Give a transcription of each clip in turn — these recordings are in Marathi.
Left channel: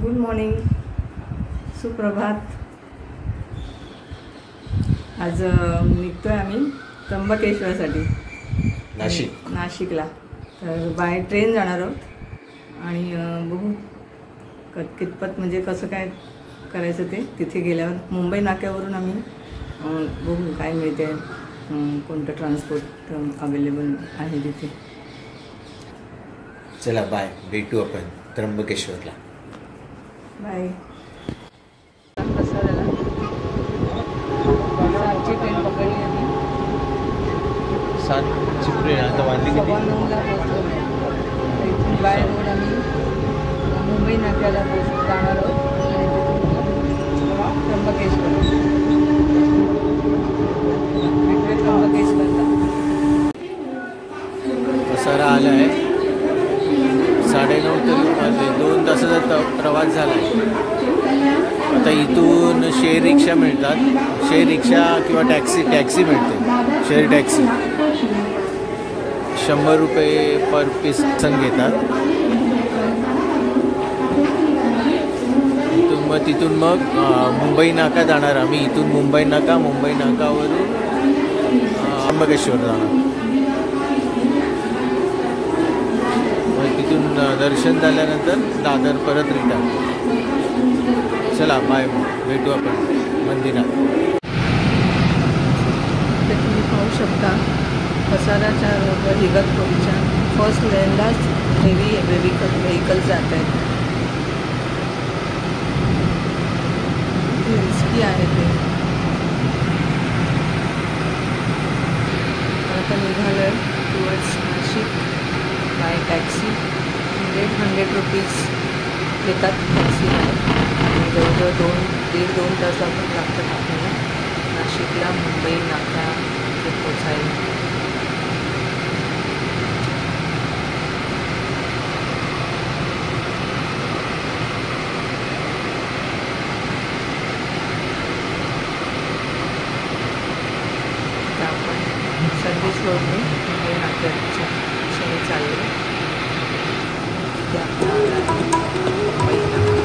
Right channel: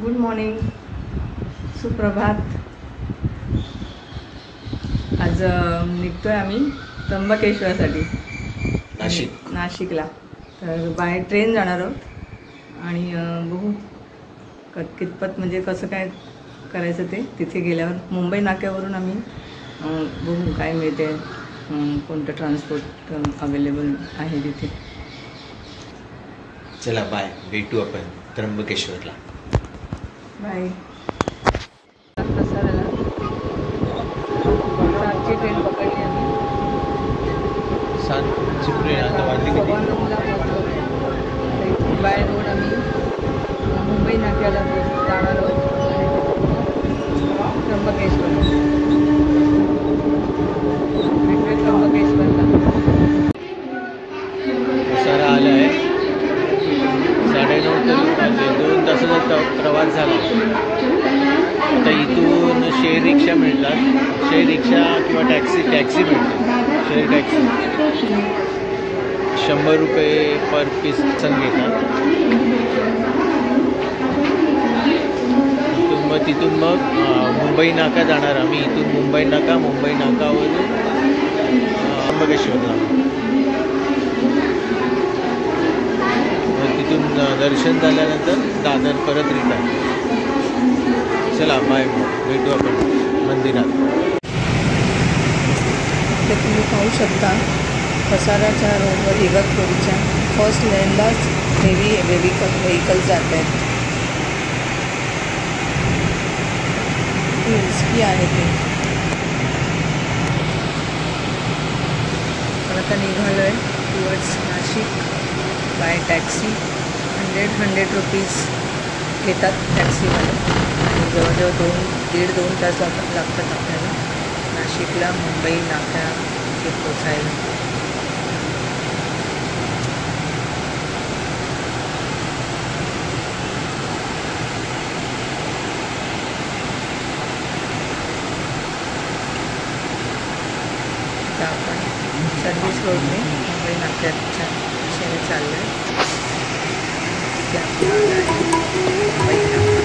गुड मॉर्निंग, सुप्रभात। आज निघतोय आम्ही त्र्यंबकेश्वरसाठी नाशिकला। तर बाय ट्रेन जाणार आहोत आणि बघू कितपत म्हणजे कसं काय करायचं ते तिथे गेल्यावर। मुंबई नाक्यावरून आम्ही बघू काय मिळते, कोणतं ट्रान्सपोर्ट अवेलेबल आहे तिथे। चला बाय, भेटू आपण त्र्यंबकेश्वरला। बाय। प्रसादाला आमची ट्रेन पकडली आम्ही 7:09ला पोहोचलो। बाय रोड आम्ही मुंबई नाक्याला जाणार आहोत आणि त्र्यंबकेश्वरला। प्रसारा आला आहे 9:30 तरी वाजले, 2 तासाचा प्रवास झाला आहे। आता इथून शेअर रिक्षा मिळतात, शेअर रिक्षा किंवा टॅक्सी मिळते। शेअर टॅक्सी 100 रुपये पर पर्सन घेतात। तिथून मग मुंबई नाका जाणार आम्ही। इथून मुंबई नाकावरून त्र्यंबकेश्वर जाणार। तिथून दर्शन झाल्यानंतर दादर परत रिटर्न। चला बाय, मग भेटू आपण मंदिरात। ते तुम्ही पाहू शकता कसाराच्या रोडवर इगतपुरीच्या फर्स्ट लेनलाच हेवी व्हेकल जात आहेत। रिस्की आहे ते। पण आता निघालो आहे towards Nashik by taxi. 100 rupees घेतात टॅक्सीमध्ये आणि जवळजवळ 1.5-2 तास लागतात आपल्याला नाशिकला मुंबई नाका ते पोचायला। आपण सर्व्हिस रोडने मुंबई नाक्याच्या दिशेने चाललो आहे। ते आपला आला आहे मुंबई नाका।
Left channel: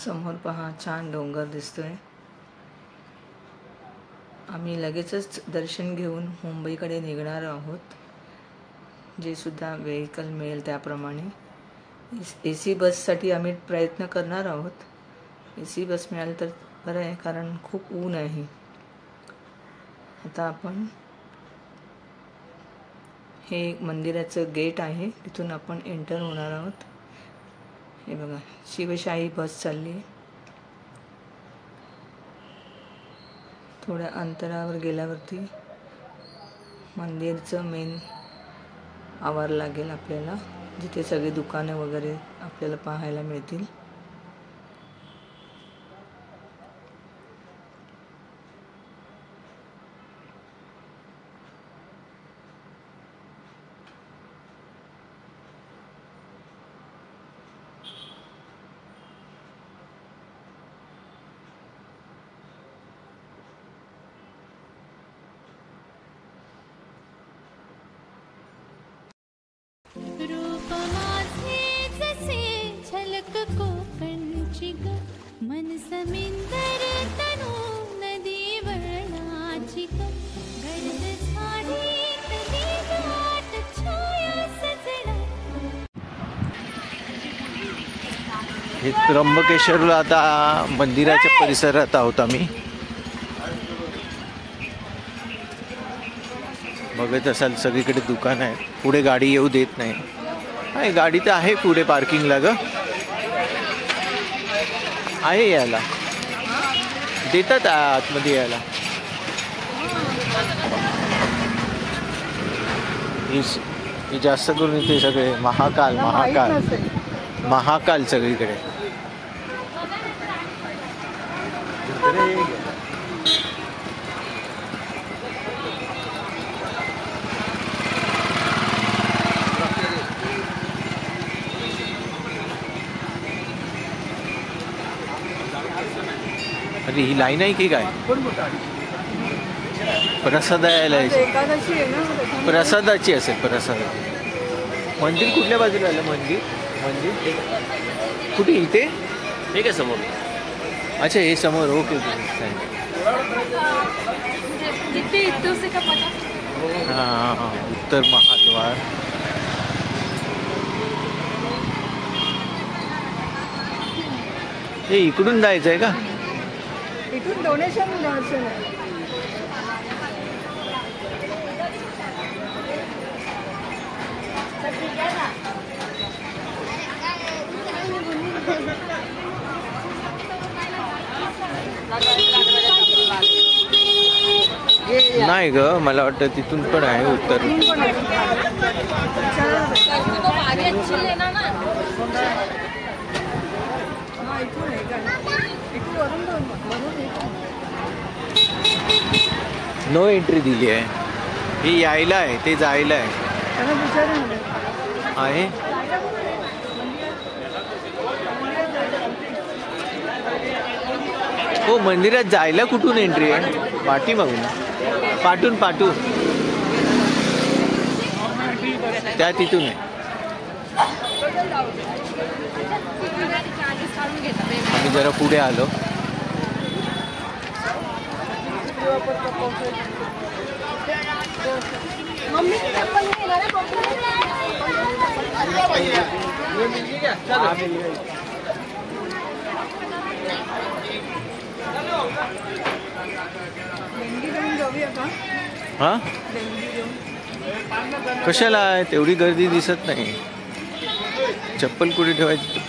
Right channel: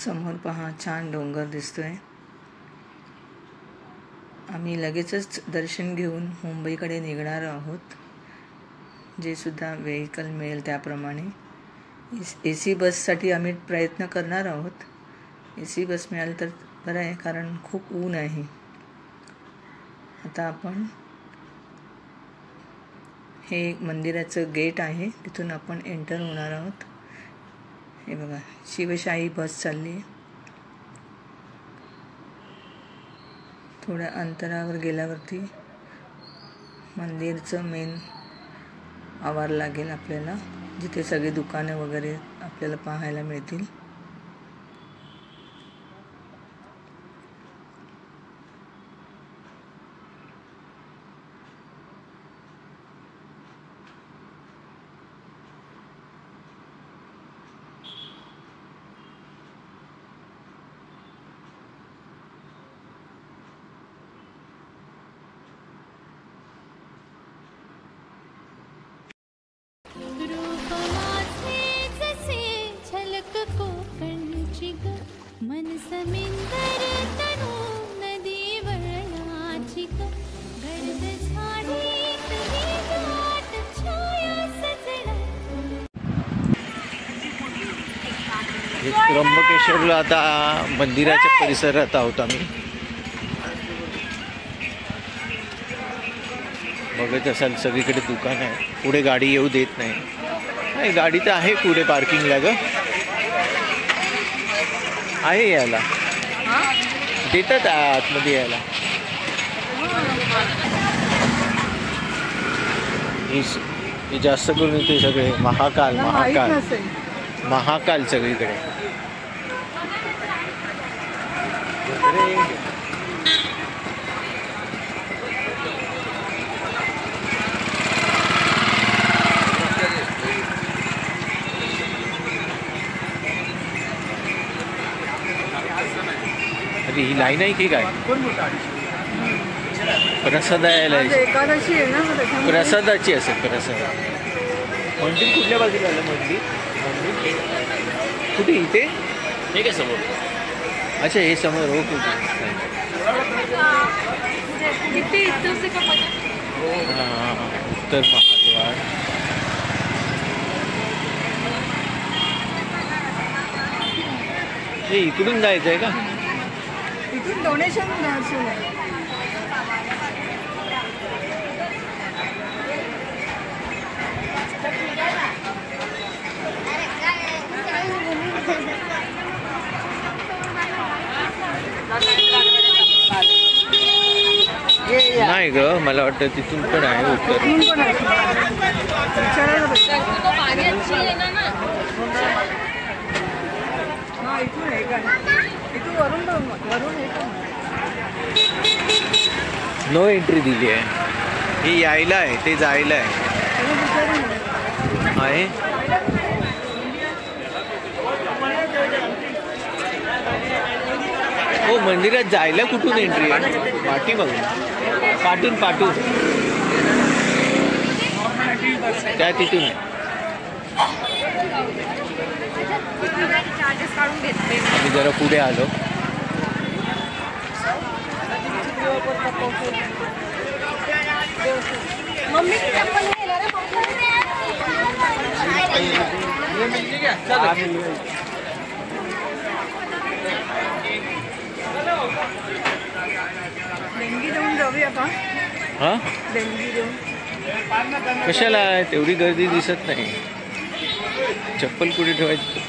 समोर पहा छान डोंगर दिसतोय। आम्ही लगेचच दर्शन घेऊन मुंबईकडे निघणार आहोत। जे सुद्धा व्हेकल मिळेल त्याप्रमाणे AC बससाठी आम्ही प्रयत्न करणार आहोत। AC बस मिळाली तर बरं आहे, कारण खूप ऊन आहे। आता आपण हे मंदिराचं गेट आहे, तिथून आपण एंटर होणार आहोत। हे बघा शिवशाही बस चालली आहे। थोड्या अंतरावर गेल्यावरती मंदिरचं मेन आवार लागेल आपल्याला, जिथे सगळे दुकाने वगैरे आपल्याला पाहायला मिळतील। रूप माझे जसे झलक कोकणची ग मन समिंदर तनु नदी वळणाची ग गर्द झाडी तरी दाट छाया सजना. हे त्र्यंबकेश्वरला आता मंदिराच्या परिसरात आहोत आम्ही. बघत असाल सगळीकडे दुकान आहे. पुढे गाडी येऊ देत नाही. गाडी तर आहे पुढे पार्किंगला ग, आहे यायला देतात आतमध्ये यायला. हे जास्त करून इथे सगळे महाकाल महाकाल महाकाल सगळीकडे. अरे ही लाईन आहे की काय? प्रसाद यायला प्रसादाची असेल. प्रसाद मंदिर कुठल्या बाजूला आलं? मंदिर कुठे? इथे हे काय समोर? अच्छा हे समोर. ओके हां उत्तर महाद्वार. हे इकडून जायचं आहे का? इथून डोनेशन दर्शन आहे. नाही ग, मला वाटतं तिथून पण आहे उत्तर. नो एंट्री दिली आहे. ही यायला आहे, ते जायला आहे. हो मंदिरात जायला कुठून एंट्री आहे? पाठी बघून पाठून त्या तिथून. आम्ही जरा पुढे आलो. देणगी देऊन जाऊया का? हा देणगी देऊन कशाला? तेवढी गर्दी दिसत नाही. चप्पल कुठे ठेवायची?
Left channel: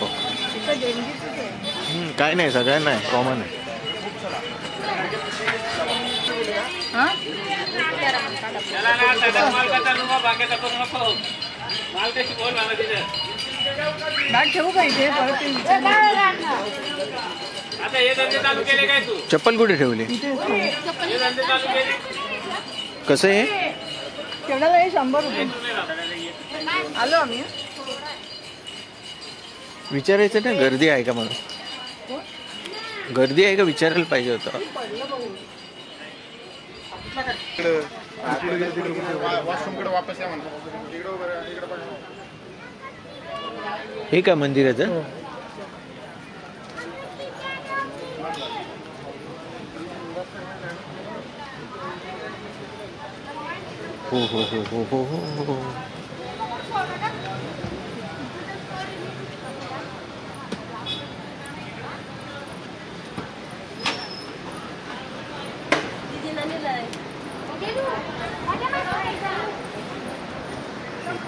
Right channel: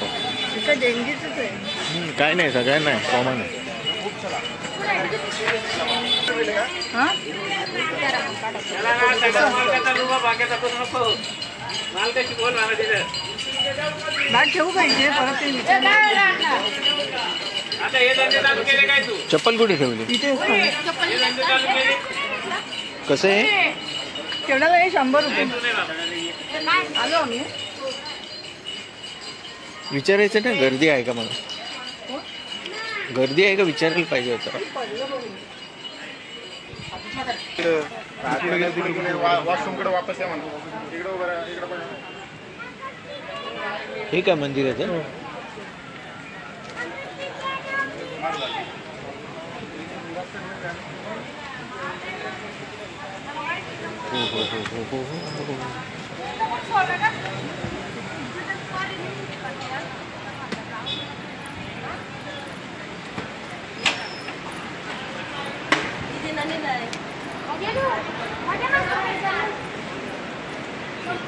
इथे देणगीच आहे. काय नाही, सगळ्यांना आहे, कॉमन आहे. हा बॅग ठेवू का इथे? चप्पल कुठे ठेवली? इथे कसं आहे? केवढ्याला आहे? 100 रुपये. आलो आम्ही. विचारायचं ना गर्दी आहे का? मला गर्दी आहे का विचारायला पाहिजे होतं. हे का मंदिराचं? हो.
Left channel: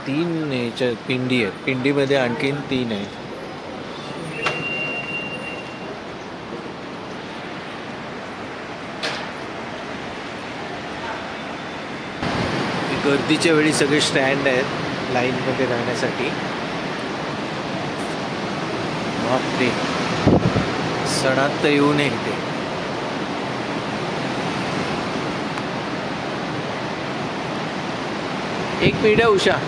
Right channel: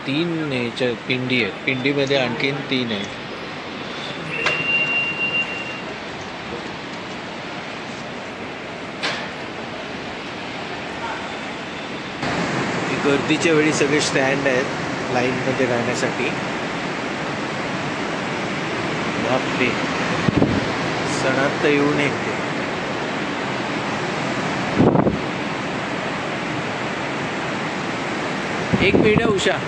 तीन ह्याच्या पिंडी आहेत. पिंडीमध्ये आणखीन 3 आहेत. गर्दीच्या वेळी सगळे स्टँड आहेत लाईनमध्ये राहण्यासाठी. बापरे, सणात तर येऊ नये ते. एक मिनिट उषा.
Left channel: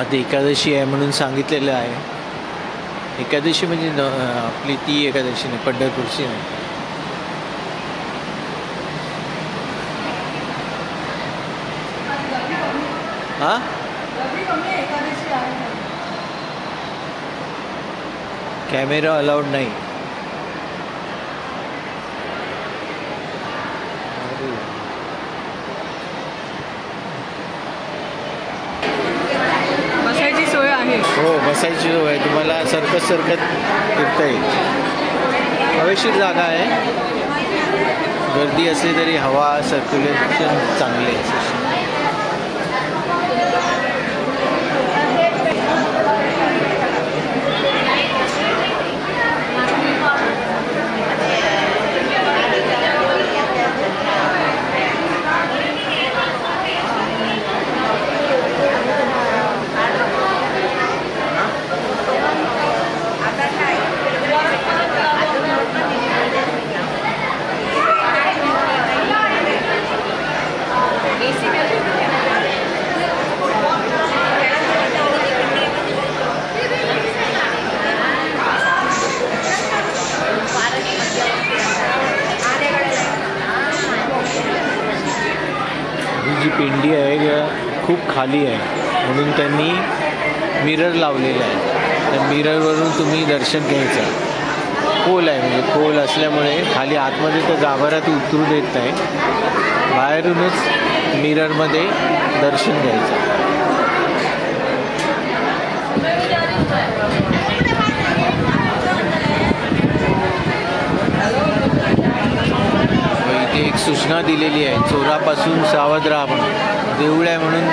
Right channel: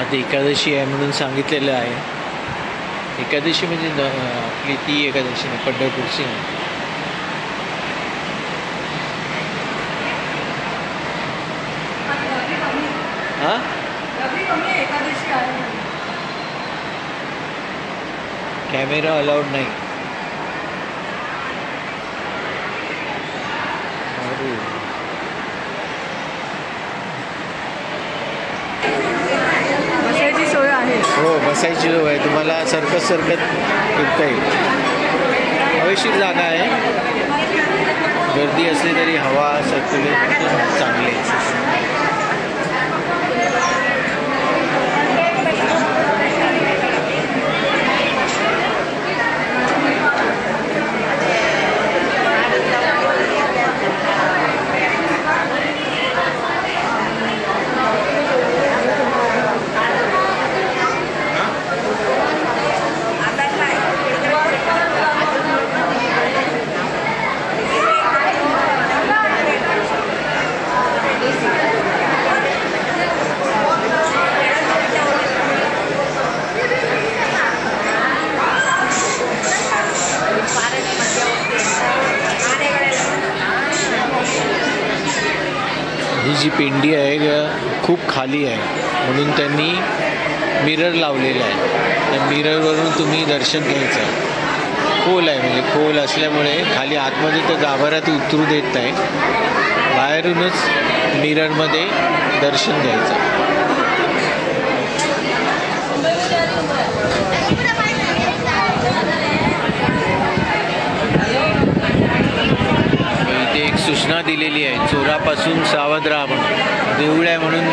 आज एकादशी आहे म्हणून सांगितलेलं आहे. एकादशी म्हणजे आपली ती एकादशी नाही, पंढरपूरची आहे. हा कॅमेरा अलाउड नाही. अरे बसायची सोय आहे. हो बसायची सोय आहे. तुम्हाला सरकत फिरता येईल. हवेशीर जागा आहे. गर्दी असली तरी हवा सर्क्युलेशन चांगले आहे. ही जी पिंडी आहे खूप खाली आहे म्हणून त्यांनी मिरर लावलेला आहे. त्या मिररवरून तुम्ही दर्शन घ्यायचं. खोल आहे म्हणजे खोल असल्यामुळे खाली आतमध्ये तर गाभाऱ्यात उतरू देत नाही. बाहेरूनच मिररमध्ये दर्शन घ्यायचं. इथे एक सूचना दिलेली आहे, चोरापासून सावध राहा म्हणून. देऊळ आहे म्हणून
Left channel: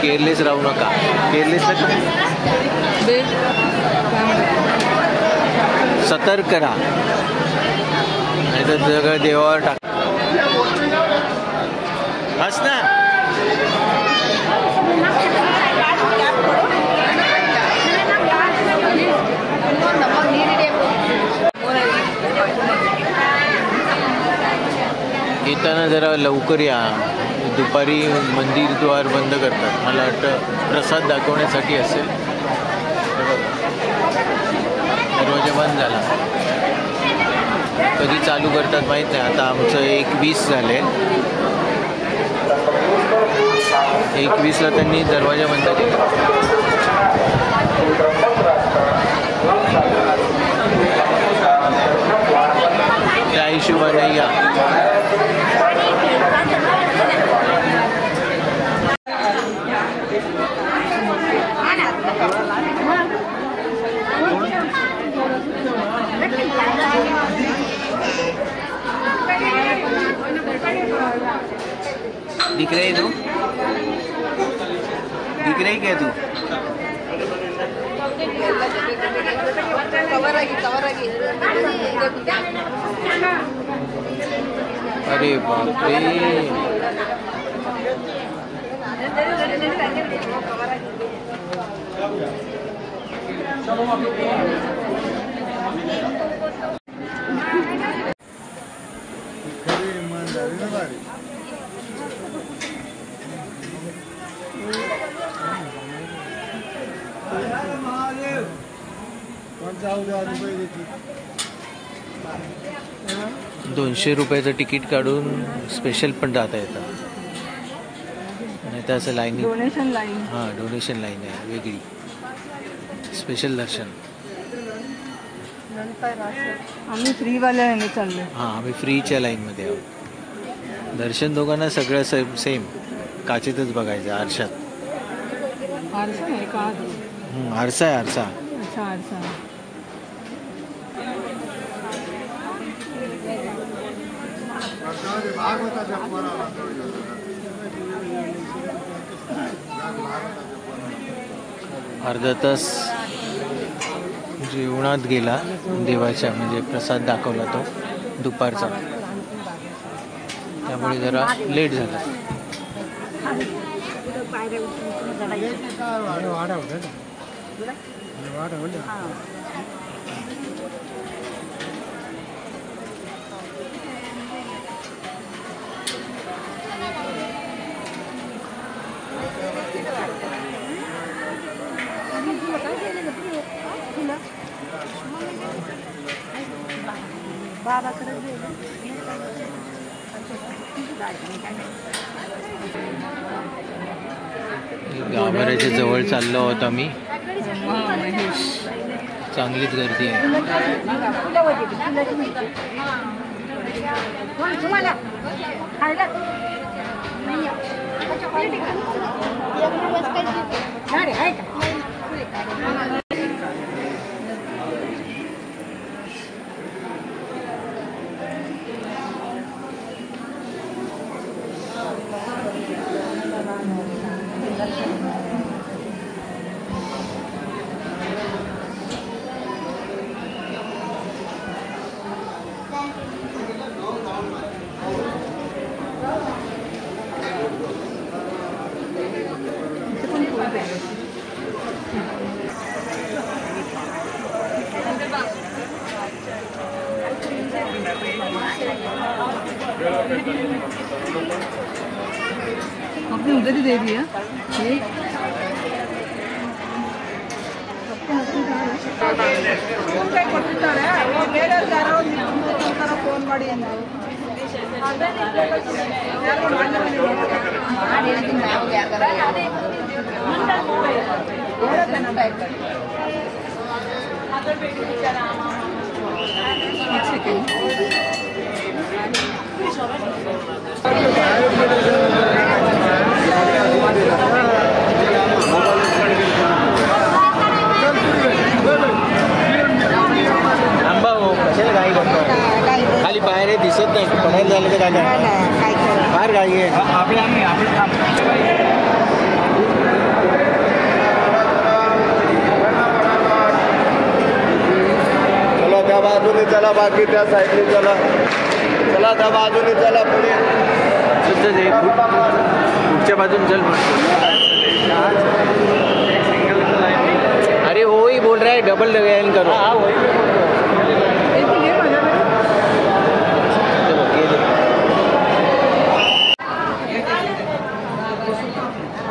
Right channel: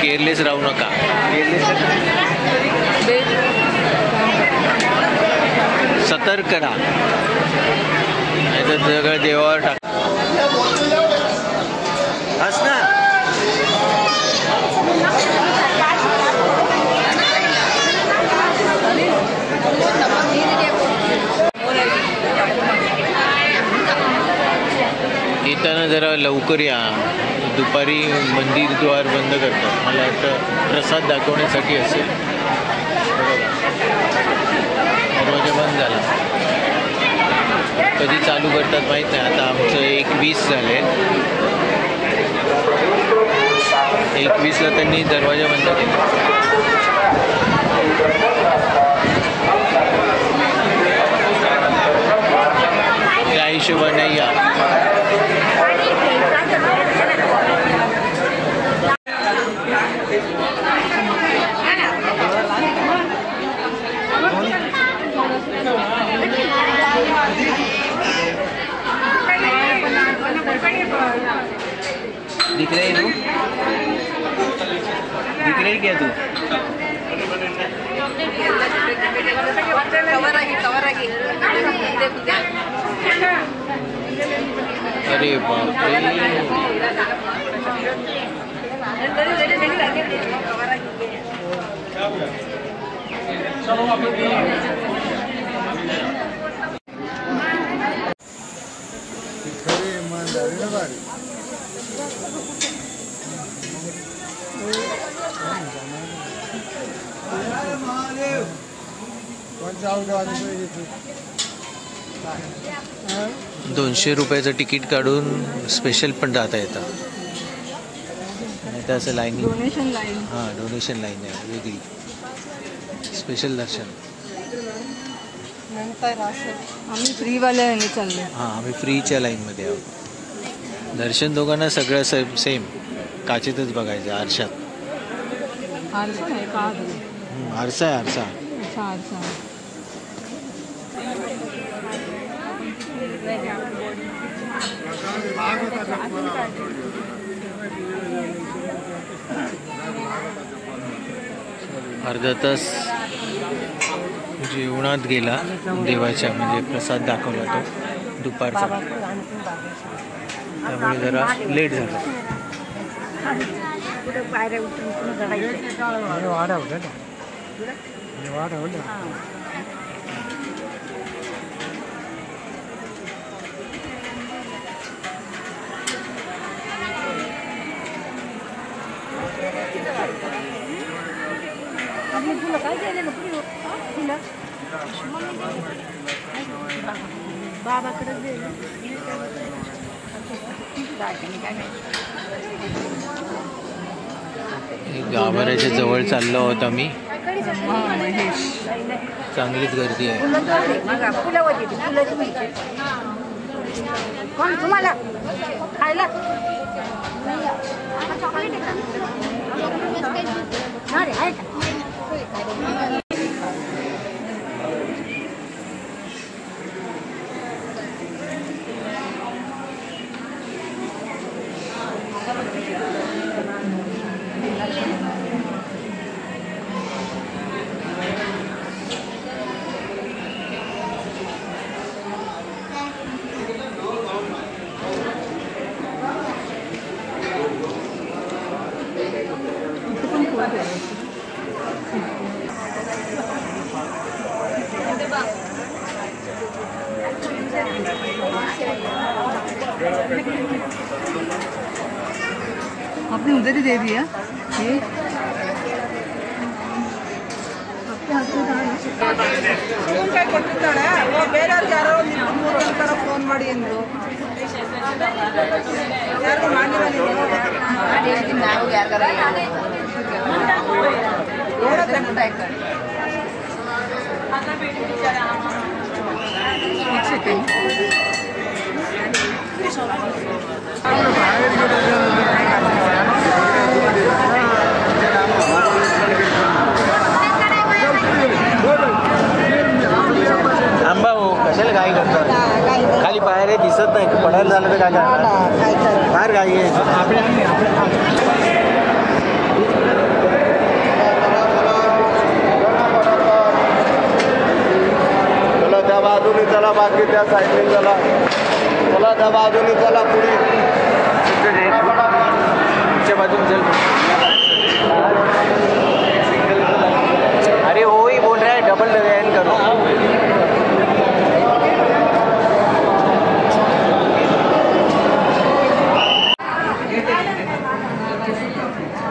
केअरलेस राहू नका. केअरलेस सतर्क राहा, नाही तर सगळं देवावर टाक. हस ना. येताना जरा लवकर या. दुपारी मंदिर द्वार बंद करतात. मला वाटतं प्रसाद दाखवण्यासाठी असेल. बघा दरवाजा बंद झाला. कधी चालू करतात माहीत नाही. आता आमचं 1:20 झाले. 1:20ला त्यांनी दरवाजा बंद केला. त्या हिशोबाने या. दिख रही तू? दिख रही क्या तू? अरे बाप रे. ₹200 तिकीट काढून स्पेशल पण जाता येतं. नाही तर असं लाईन. Donation line. हां डोनेशन लाईन आहे वेगळी. स्पेशल दर्शन. आम्ही फ्रीवाल्याने चाललो. हां आम्ही फ्रीच्या लाईनमध्ये आहोत. दर्शन दोघांना सगळं सेम काचेतच बघायचं. आरशात. आरसा नाही का? आरसा आहे. आरसा. अच्छा आरसा. अर्धा तास जेवणात गेला देवाच्या. म्हणजे प्रसाद दाखवला तो दुपारचा. त्यामुळे जरा लेट झाला. गाभाऱ्याच्या जवळ चाललो आहोत आम्ही. महेश चांगलीच गर्दी आहे. आपने उधर ही दे दिया. ಫೋನ್ ಮಾಡಿ ಅಂದರು. आंबा हो कशाला गाई करतो खाली बाहेर दिसत नाही पडायला झालं तर काय करणार बाहेर गाई आहे चला त्या बाजूने चला बाकी त्या साईडने चला चला त्या बाजूने चला पुढे पुढच्या बाजून चल अरे वो ही बोल रहा है डबल लगाइन करो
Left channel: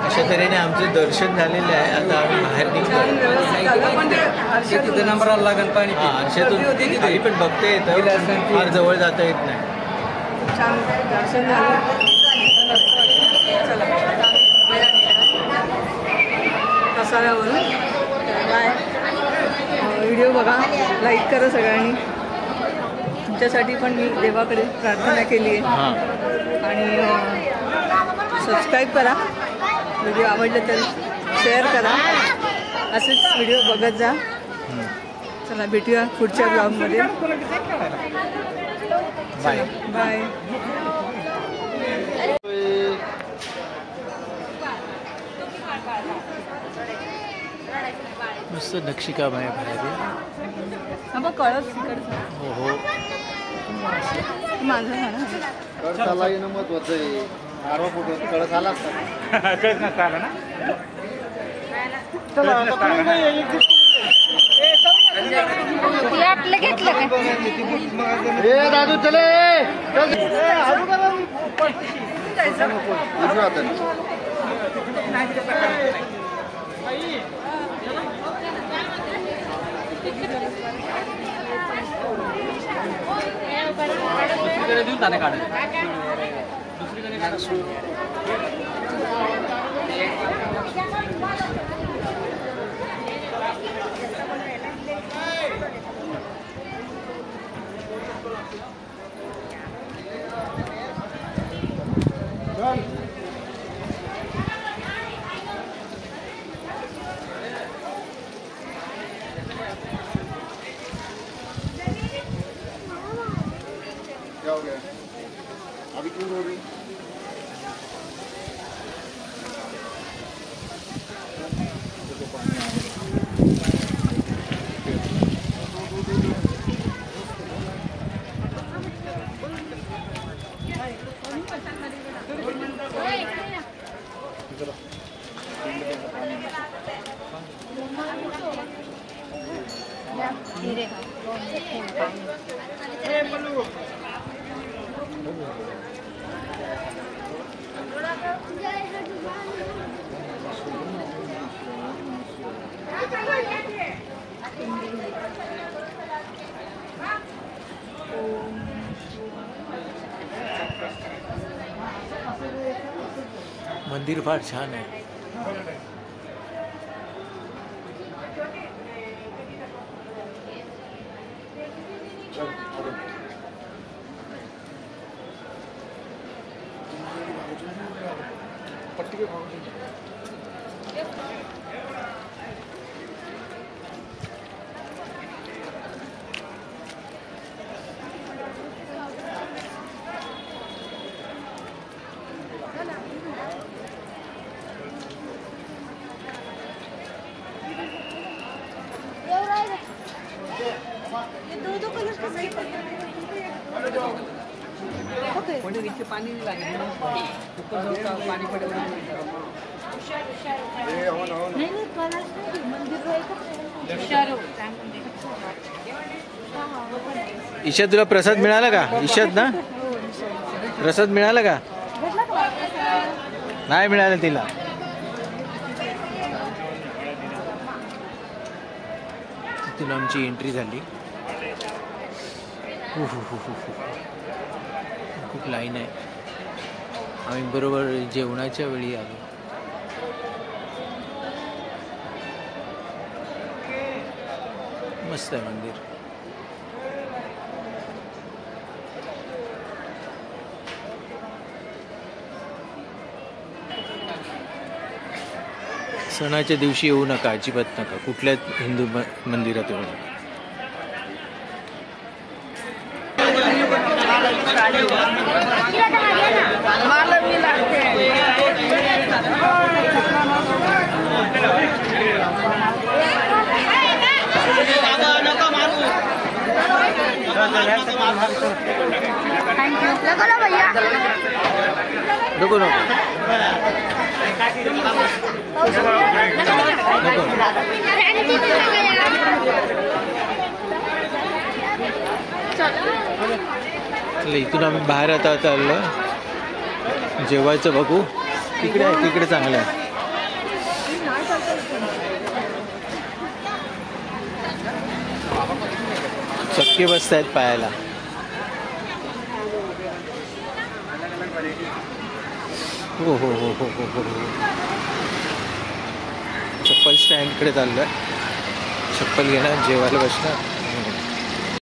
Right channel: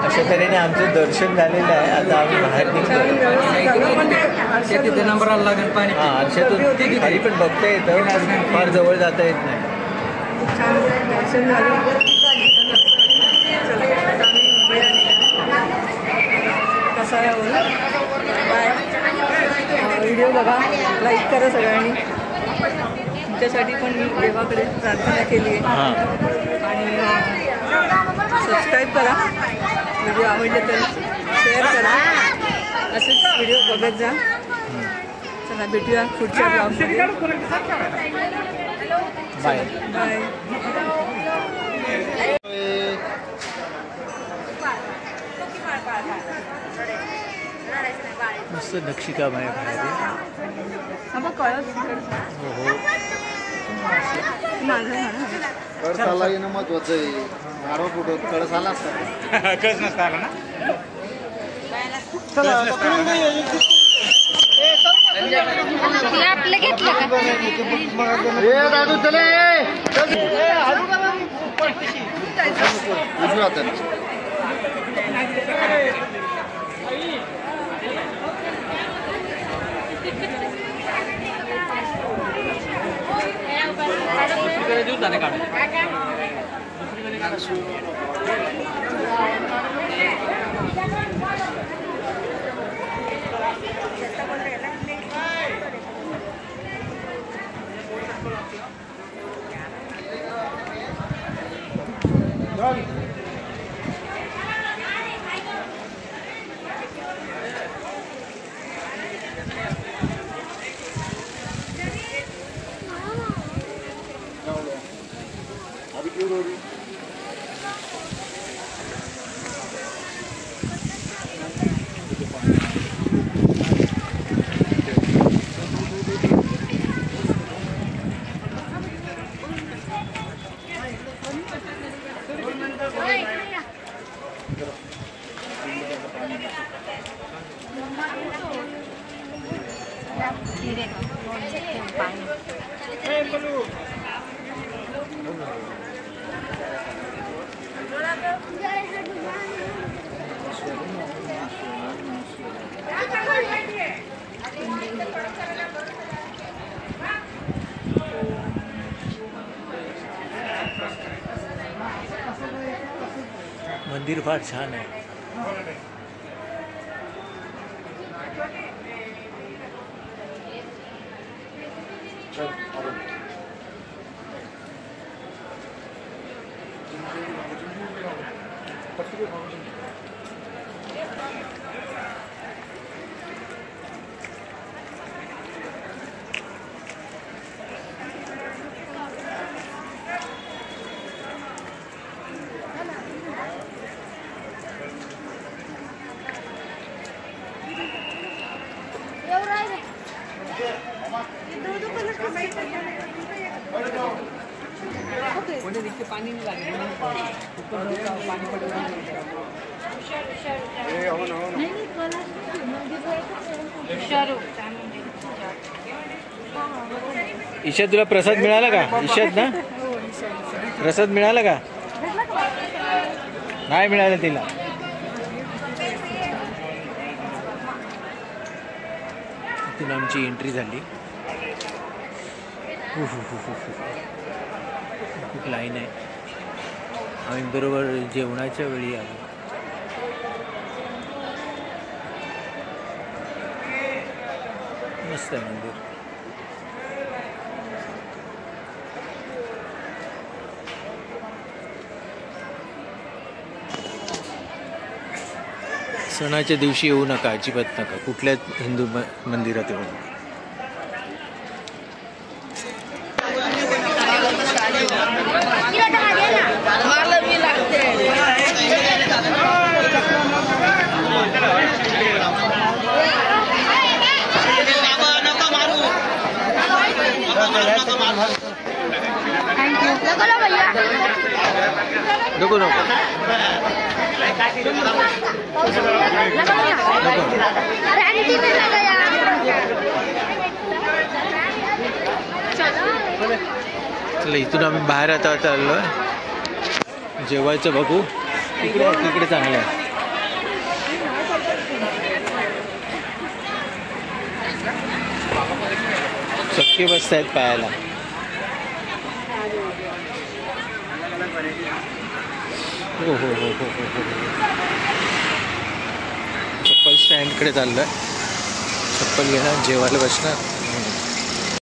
अशा तऱ्हेने आमचं दर्शन झालेलं आहे. आता आम्ही बाहेर निघतो. हां आरशातून खाली पण बघता येतं फार जवळ जाता येत नाही. छान दर्शन झालं. कसाळ्यावरून व्हिडिओ बघा लाईक करा सगळ्यांनी. तुमच्यासाठी पण मी देवाकडे प्रार्थना केली आहे आणि सबस्क्राईब करा. व्हिडिओ आवडले तर शेअर करा. असेच व्हिडिओ बघत जा. चला भेटूया पुढच्या ब्लॉगमध्ये. Bye bye. मस्त नक्षीकाम आहे बाहेर. हो हो महत्वाचं आहे. कळस आला कळस नसता ना. चला घेतलं दादू चले मंदिर फार छान आहे. ईशा तुला प्रसाद मिळाला का? ईशात ना प्रसाद मिळाला का? नाही मिळालं तिला. तिला आमची एंट्री झाली. खूप लाईन आहे. आम्ही बरोबर जेवणाच्या वेळी आलो. मस्त आहे मंदिर. सणाच्या दिवशी येऊ नका, अजिबात नका. कुठल्याच हिंदू मंदिरात येऊ नका. नको नको नको. चला इथून आम्ही बाहेर आता आलो. जेवायचं बघू. तिकडे तिकडे चांगलं आहे. चक्के बसतायत पायाला. हो हो हो हो हो हो. चप्पल स्टँडकडे चाललं. चप्पल घेणार, जेवायला बसणार.